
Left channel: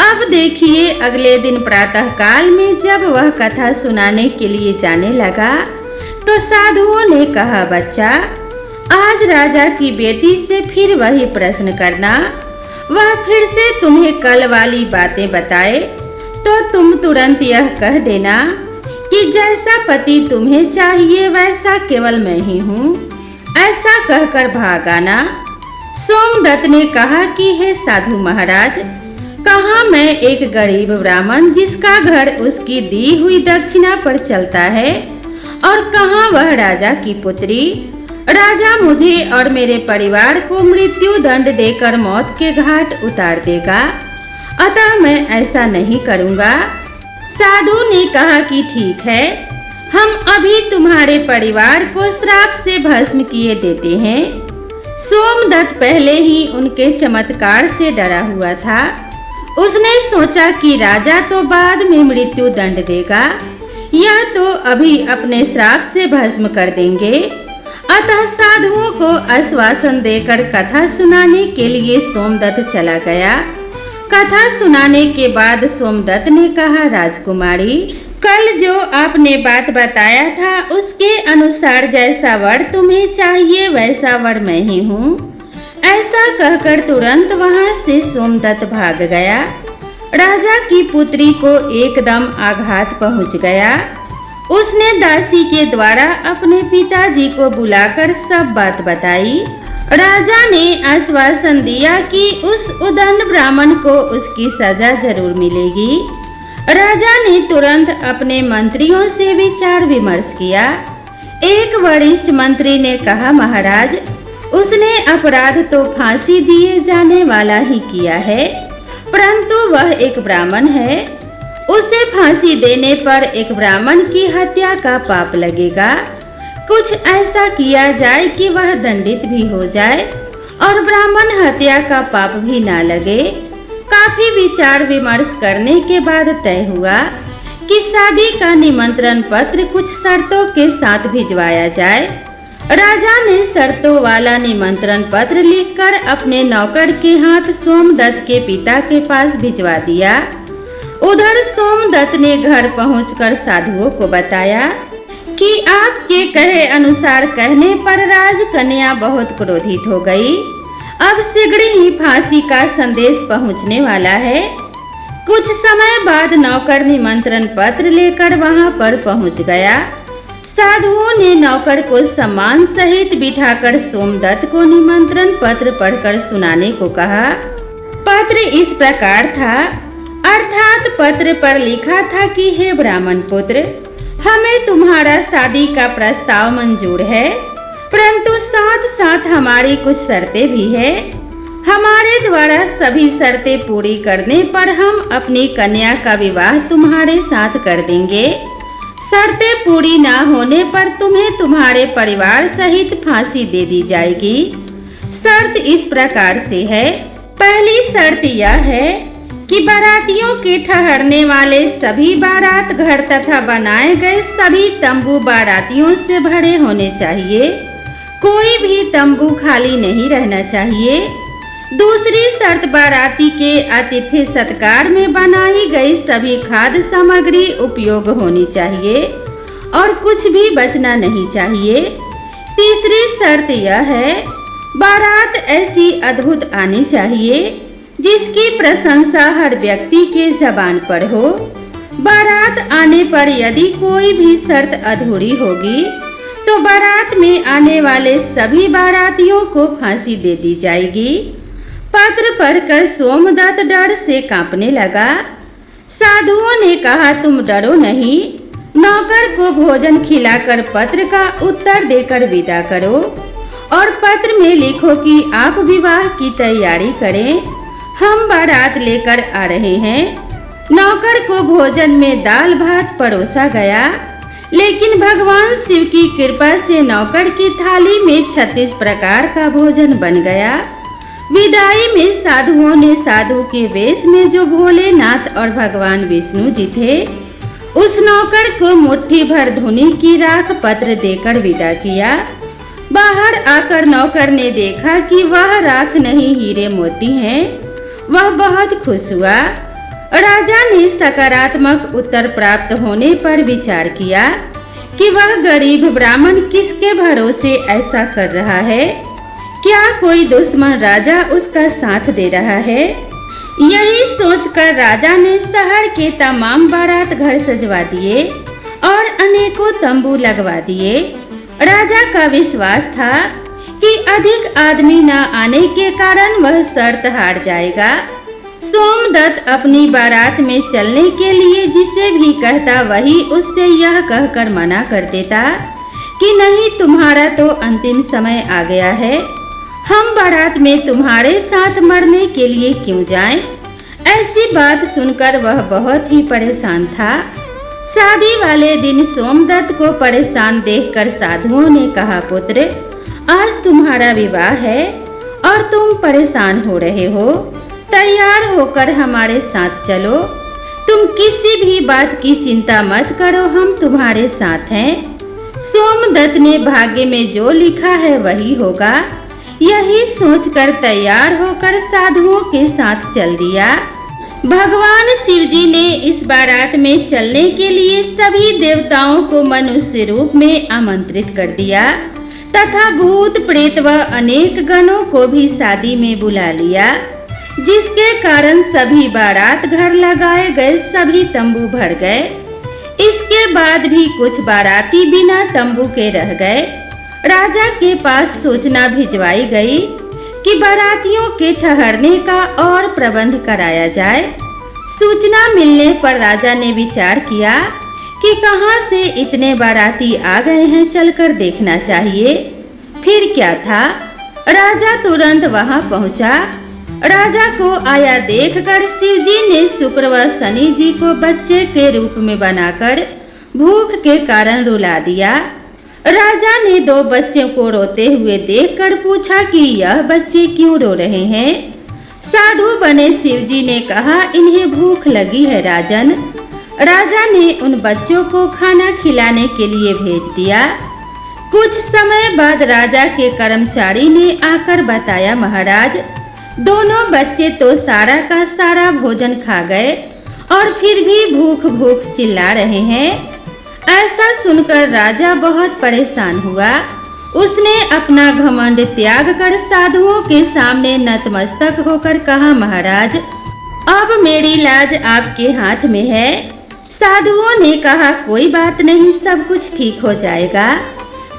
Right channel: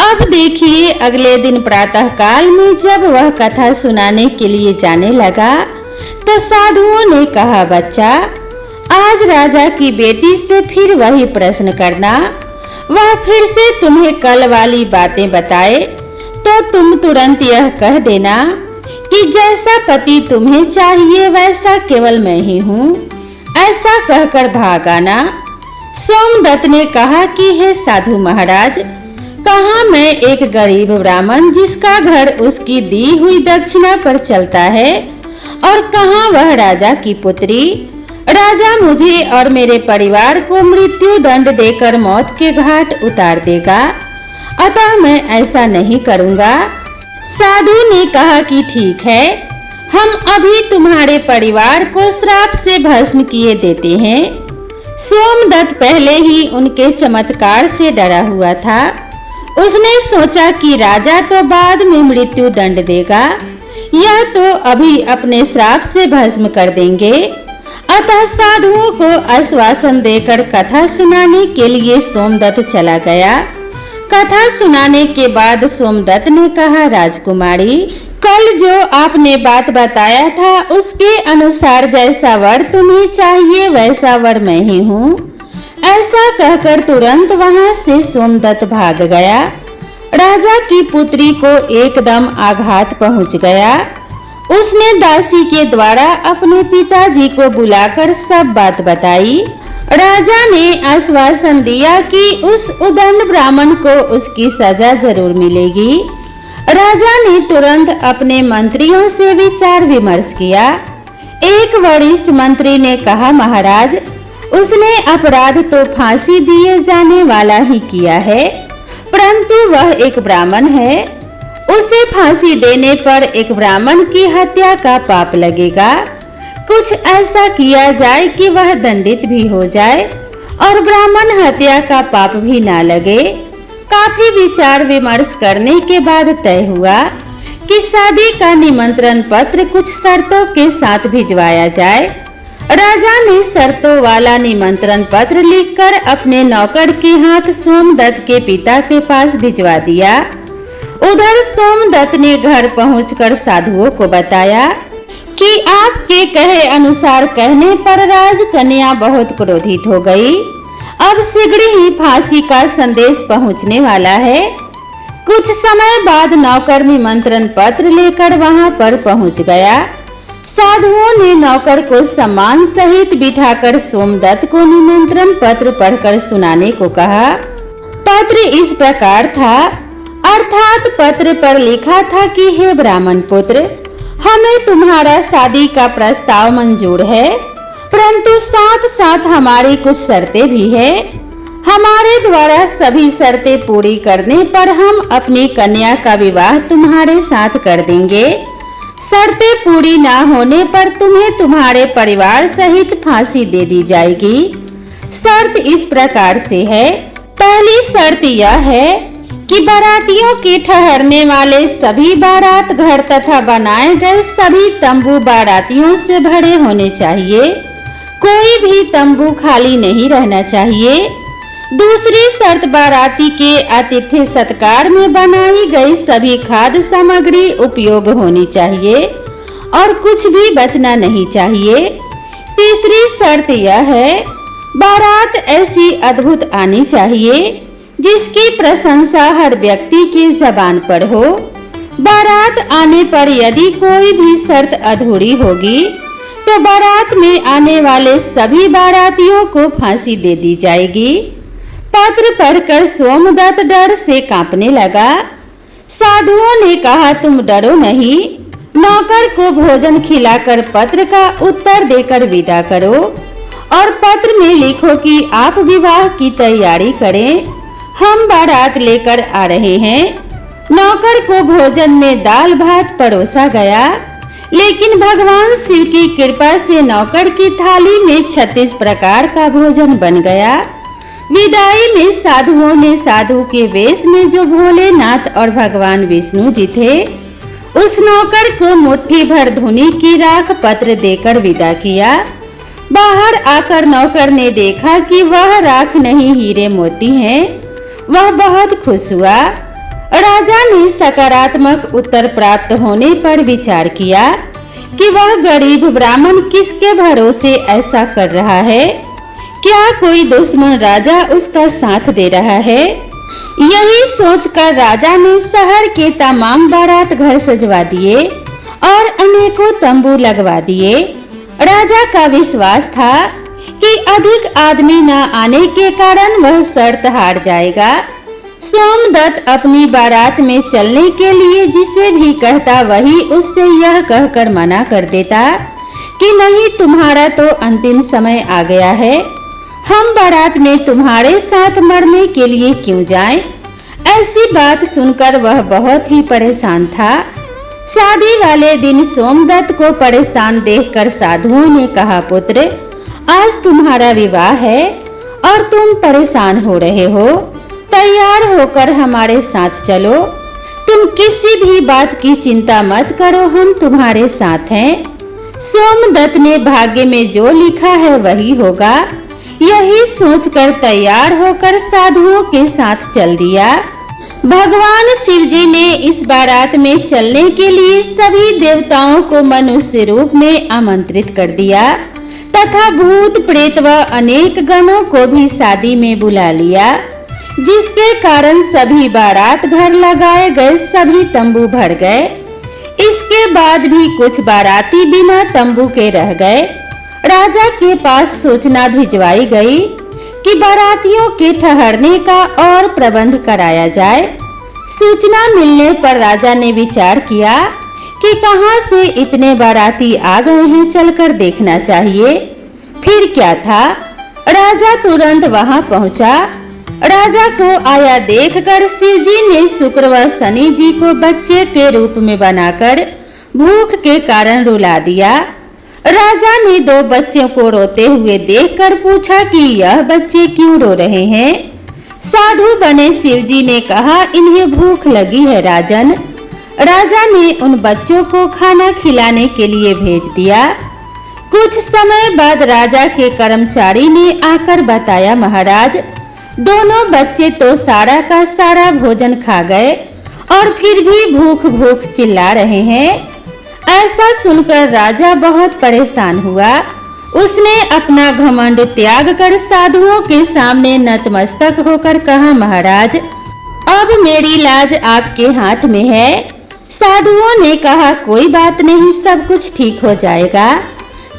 अब देखिए अगले दिन प्रातः काल में जब वह कथा सुनाने के लिए जाने लगा तो साधुओं ने कहा, बच्चा आज राजा की बेटी से फिर वही प्रश्न करना, वह फिर से तुम्हें कल वाली बातें बताए तो तुम तुरंत यह कह देना कि जैसा पति तुम्हें चाहिए वैसा केवल मैं ही हूँ, ऐसा कहकर भाग आना। सोमदत्त ने कहा कि हे साधु महाराज, कहाँ मैं एक गरीब ब्राह्मण जिसका घर उसकी दी हुई दक्षिणा पर चलता है, और कहाँ वह राजा की पुत्री। राजा मुझे और मेरे परिवार को मृत्यु दंड देकर मौत के घाट उतार देगा, अतः मैं ऐसा नहीं करूँगा। साधु ने कहा कि ठीक है, हम अभी तुम्हारे परिवार को श्राप से भस्म किए देते हैं। सोमदत्त पहले ही उनके चमत्कार से डरा हुआ था। उसने सोचा कि राजा तो बाद में मृत्यु दंड देगा, यह तो अभी अपने श्राप से भस्म कर देंगे। अतः साधुओं को आश्वासन देकर कथा सुनाने के लिए सोमदत्त चला गया। कथा सुनाने के बाद सोमदत्त ने कहा, राजकुमारी कल जो आपने बात बताया था उसके अनुसार जैसा वर तुम्हें चाहिए वैसा वर मैं ही हूँ। ऐसा कहकर तुरंत वहां से सोमदत्त भाग गया। राजा की पुत्री को एकदम आघात पहुंच गया। उसने दासी के द्वारा अपने पिताजी को बुलाकर सब बात बताई। राजा ने आश्वासन दिया कि उस उदंड ब्राह्मण को उसकी सजा जरूर मिलेगी। राजा ने तुरंत अपने मंत्रियों से विचार विमर्श किया। एक वरिष्ठ मंत्री ने कहा, महाराज उसने अपराध तो फांसी दिए जाने वाला ही किया है, परंतु वह एक ब्राह्मण है, उसे फांसी देने पर एक ब्राह्मण की हत्या का पाप लगेगा। कुछ ऐसा किया जाए कि वह दंडित भी हो जाए और ब्राह्मण हत्या का पाप भी ना लगे। काफी विचार विमर्श करने के बाद तय हुआ कि शादी का निमंत्रण पत्र कुछ शर्तों के साथ भिजवाया जाए। राजा ने शर्तों वाला निमंत्रण पत्र लिखकर अपने नौकर के हाथ सोमदत्त के पिता के पास भिजवा दिया। उधर सोमदत्त ने घर पहुंचकर साधुओं को बताया कि आपके कहे अनुसार कहने पर राजकन्या बहुत क्रोधित हो गई। अब शीघ्र ही फांसी का संदेश पहुंचने वाला है। कुछ समय बाद नौकर निमंत्रण पत्र लेकर वहां पर पहुंच गया। साधुओं ने नौकर को सम्मान सहित बिठाकर सोमदत्त को निमंत्रण पत्र पढ़कर सुनाने को कहा। पत्र इस प्रकार था, अर्थात पत्र पर लिखा था कि हे ब्राह्मण पुत्र, हमें तुम्हारा शादी का प्रस्ताव मंजूर है। परंतु साथ साथ हमारी कुछ शर्तें भी है। हमारे द्वारा सभी शर्तें पूरी करने पर हम अपनी कन्या का विवाह तुम्हारे साथ कर देंगे। शर्तें पूरी ना होने पर तुम्हें तुम्हारे परिवार सहित फांसी दे दी जाएगी। शर्त इस प्रकार से है। पहली शर्त यह है कि बारातियों के ठहरने वाले सभी बारात घर तथा बनाए गए सभी तंबू बारातियों से भरे होने चाहिए। कोई भी तंबू खाली नहीं रहना चाहिए। दूसरी शर्त, बाराती के आतिथ्य सत्कार में बनाई गई सभी खाद्य सामग्री उपयोग होनी चाहिए और कुछ भी बचना नहीं चाहिए। तीसरी शर्त यह है, बारात ऐसी अद्भुत आनी चाहिए जिसकी प्रशंसा हर व्यक्ति के जबान पर हो। बारात आने पर यदि कोई भी शर्त अधूरी होगी तो बारात में आने वाले सभी बारातियों को फांसी दे दी जाएगी। पत्र पढ़कर सोमदत्त डर से कांपने लगा। साधुओं ने कहा, तुम डरो नहीं, नौकर को भोजन खिलाकर पत्र का उत्तर देकर विदा करो और पत्र में लिखो कि आप विवाह की तैयारी करें, हम बारात लेकर आ रहे हैं। नौकर को भोजन में दाल भात परोसा गया, लेकिन भगवान शिव की कृपा से नौकर की थाली में 36 प्रकार का भोजन बन गया। विदाई में साधुओं ने साधु के वेश में जो भोलेनाथ और भगवान विष्णु जी थे, उस नौकर को मुट्ठी भर धुनी की राख पत्र देकर विदा किया। बाहर आकर नौकर ने देखा कि वह राख नहीं हीरे मोती हैं। वह बहुत खुश हुआ। राजा ने सकारात्मक उत्तर प्राप्त होने पर विचार किया कि वह गरीब ब्राह्मण किसके भरोसे ऐसा कर रहा है। क्या कोई दुश्मन राजा उसका साथ दे रहा है? यही सोचकर राजा ने शहर के तमाम बारात घर सजवा दिए और अनेकों तंबू लगवा दिए। राजा का विश्वास था कि अधिक आदमी न आने के कारण वह शर्त हार जाएगा। सोमदत्त अपनी बारात में चलने के लिए जिसे भी कहता वही उससे यह कहकर मना कर देता कि नहीं, तुम्हारा तो अंतिम समय आ गया है, हम बारात में तुम्हारे साथ मरने के लिए क्यों जाएं? ऐसी बात सुनकर वह बहुत ही परेशान था। शादी वाले दिन सोमदत्त को परेशान देखकर साधुओं ने कहा, पुत्र, आज तुम्हारा विवाह है और तुम परेशान हो रहे हो, तैयार होकर हमारे साथ चलो। तुम किसी भी बात की चिंता मत करो, हम तुम्हारे साथ हैं। सोमदत्त ने भाग्य में जो लिखा है वही होगा, यही सोचकर तैयार होकर साधुओं के साथ चल दिया। भगवान शिव जी ने इस बारात में चलने के लिए सभी देवताओं को मनुष्य रूप में आमंत्रित कर दिया तथा भूत प्रेत व अनेक गणों को भी शादी में बुला लिया, जिसके कारण सभी बारात घर लगाए गए सभी तंबू भर गए। इसके बाद भी कुछ बाराती बिना तंबू के रह गए। राजा के पास सूचना भिजवाई गई कि बारातियों के ठहरने का और प्रबंध कराया जाए। सूचना मिलने पर राजा ने विचार किया कि कहां से इतने बाराती आ गए हैं, चलकर देखना चाहिए। फिर क्या था, राजा तुरंत वहां पहुंचा। राजा को आया देखकर शिवजी ने शुक्र व शनि जी को बच्चे के रूप में बनाकर भूख के कारण रुला दिया। राजा ने 2 बच्चों को रोते हुए देखकर पूछा कि यह बच्चे क्यों रो रहे हैं। साधु बने शिवजी ने कहा, इन्हें भूख लगी है राजन। राजा ने उन बच्चों को खाना खिलाने के लिए भेज दिया। कुछ समय बाद राजा के कर्मचारी ने आकर बताया, महाराज, दोनों बच्चे तो सारा का सारा भोजन खा गए और फिर भी भूख भूख चिल्ला रहे हैं। ऐसा सुनकर राजा बहुत परेशान हुआ। उसने अपना घमंड त्याग कर साधुओं के सामने नतमस्तक होकर कहा, महाराज, अब मेरी लाज आपके हाथ में है। साधुओं ने कहा, कोई बात नहीं, सब कुछ ठीक हो जाएगा।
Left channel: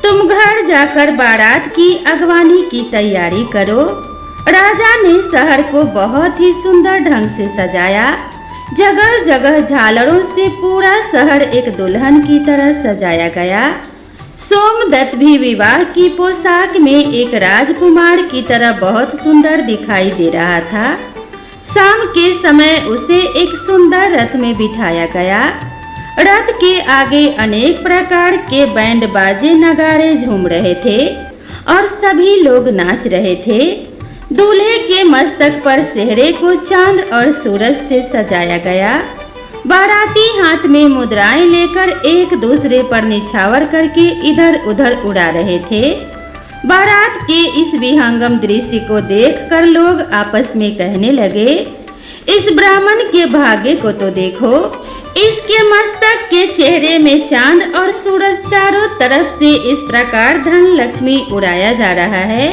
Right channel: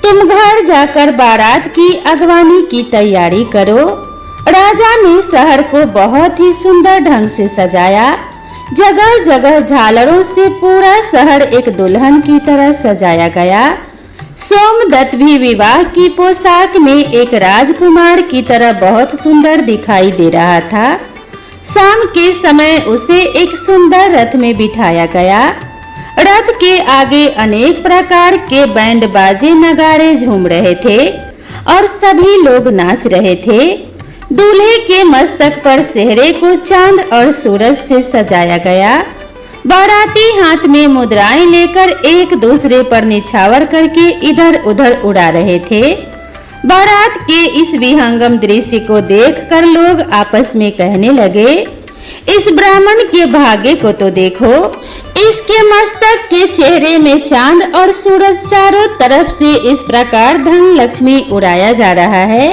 तुम घर जाकर बारात की अगवानी की तैयारी करो। राजा ने शहर को बहुत ही सुंदर ढंग से सजाया। जगह जगह झालरों से पूरा शहर एक दुल्हन की तरह सजाया गया। सोमदत्त भी विवाह की पोशाक में एक राजकुमार की तरह बहुत सुंदर दिखाई दे रहा था। शाम के समय उसे एक सुंदर रथ में बिठाया गया। रथ के आगे अनेक प्रकार के बैंड बाजे नगाड़े झूम रहे थे और सभी लोग नाच रहे थे। दूल्हे के मस्तक पर सेहरे को चांद और सूरज से सजाया गया। बाराती हाथ में मुद्राएं लेकर एक दूसरे पर निछावर करके इधर उधर उड़ा रहे थे। बारात के इस विहंगम दृश्य को देखकर लोग आपस में कहने लगे, इस ब्राह्मण के भाग्य को तो देखो, इसके मस्तक के चेहरे में चांद और सूरज, चारों तरफ से इस प्रकार धन लक्ष्मी उड़ाया जा रहा है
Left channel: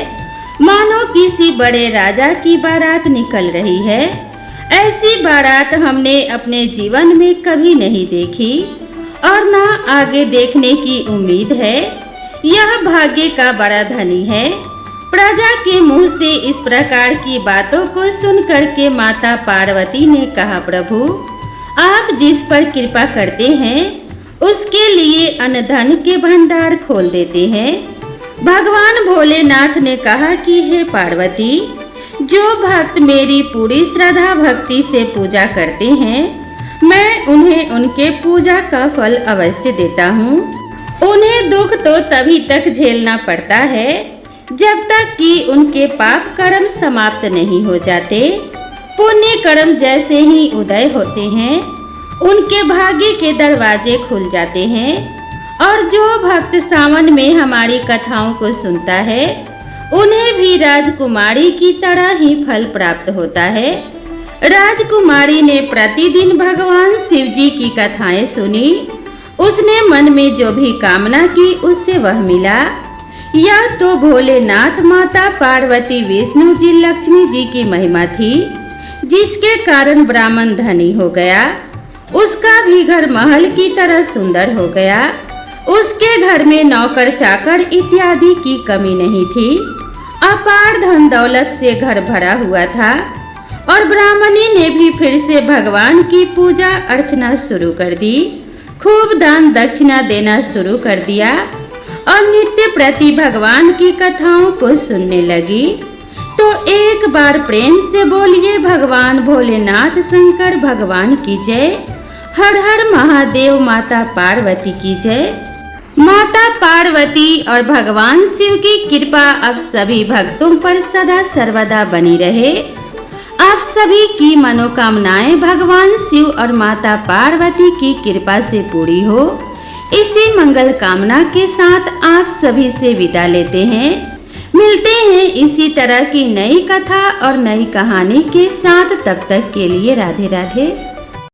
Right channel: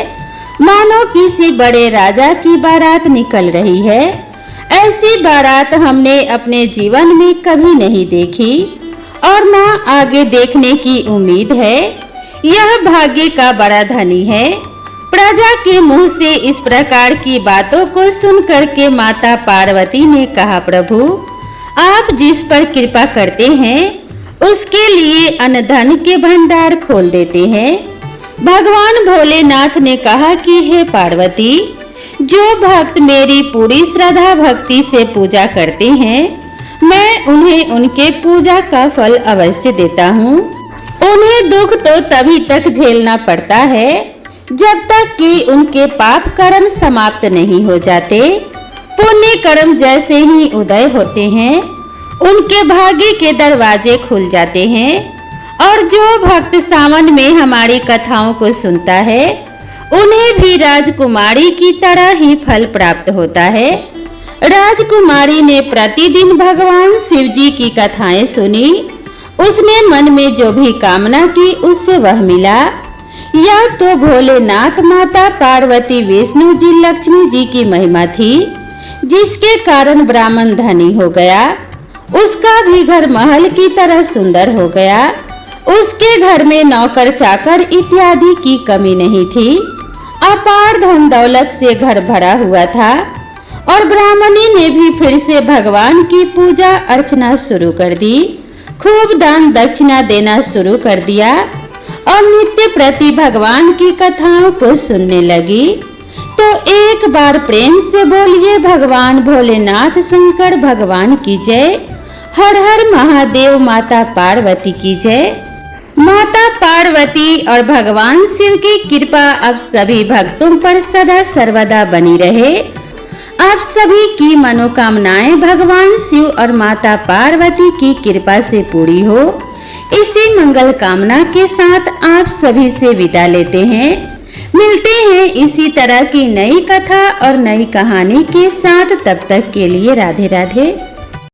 मानो किसी बड़े राजा की बारात निकल रही है। ऐसी बारात हमने अपने जीवन में कभी नहीं देखी और न आगे देखने की उम्मीद है। यह भाग्य का बड़ा धनी है। प्रजा के मुंह से इस प्रकार की बातों को सुनकर के माता पार्वती ने कहा, प्रभु आप जिस पर कृपा करते हैं उसके लिए अन्न धन के भंडार खोल देते हैं। भगवान भोलेनाथ ने कहा कि हे पार्वती, जो भक्त मेरी पूरी श्रद्धा भक्ति से पूजा करते हैं मैं उन्हें उनके पूजा का फल अवश्य देता हूँ। उन्हें दुख तो तभी तक झेलना पड़ता है जब तक कि उनके पाप कर्म समाप्त नहीं हो जाते। पुण्य कर्म जैसे ही उदय होते हैं उनके भाग्य के दरवाजे खुल जाते हैं और जो भक्त सावन में हमारी कथाओं को सुनता है उन्हें भी राजकुमारी की तरह ही फल प्राप्त होता है। राजकुमारी ने प्रतिदिन भगवान शिव जी की कथाएं सुनी। उसने मन में जो भी कामना की उससे वह मिला। यह तो भोलेनाथ, माता पार्वती, विष्णु जी, लक्ष्मी जी की महिमा थी जिसके कारण ब्राह्मण धनी हो गया। उसका भी घर महल की तरह सुंदर हो गया। उसके घर में नौकर चाकर इत्यादि की कमी नहीं थी। अपार धन दौलत से घर भरा हुआ था और ब्राह्मणी ने भी फिर से भगवान की पूजा अर्चना शुरू कर दी। खूब दान दक्षिणा देना शुरू कर दिया और नित्य प्रति भगवान की कथाओं को सुनने लगी। तो एक बार प्रेम से बोलिए, भगवान भोलेनाथ शंकर भगवान की जय। हर हर महादेव, माता पार्वती की जय। माता पार्वती और भगवान शिव की कृपा अब सभी भक्तों पर सदा सर्वदा बनी रहे। आप सभी की मनोकामनाएं भगवान शिव और माता पार्वती की कृपा से पूरी हो। इसी मंगल कामना के साथ आप सभी से विदा लेते हैं। मिलते हैं इसी तरह की नई कथा और नई कहानी के साथ। तब तक के लिए राधे राधे।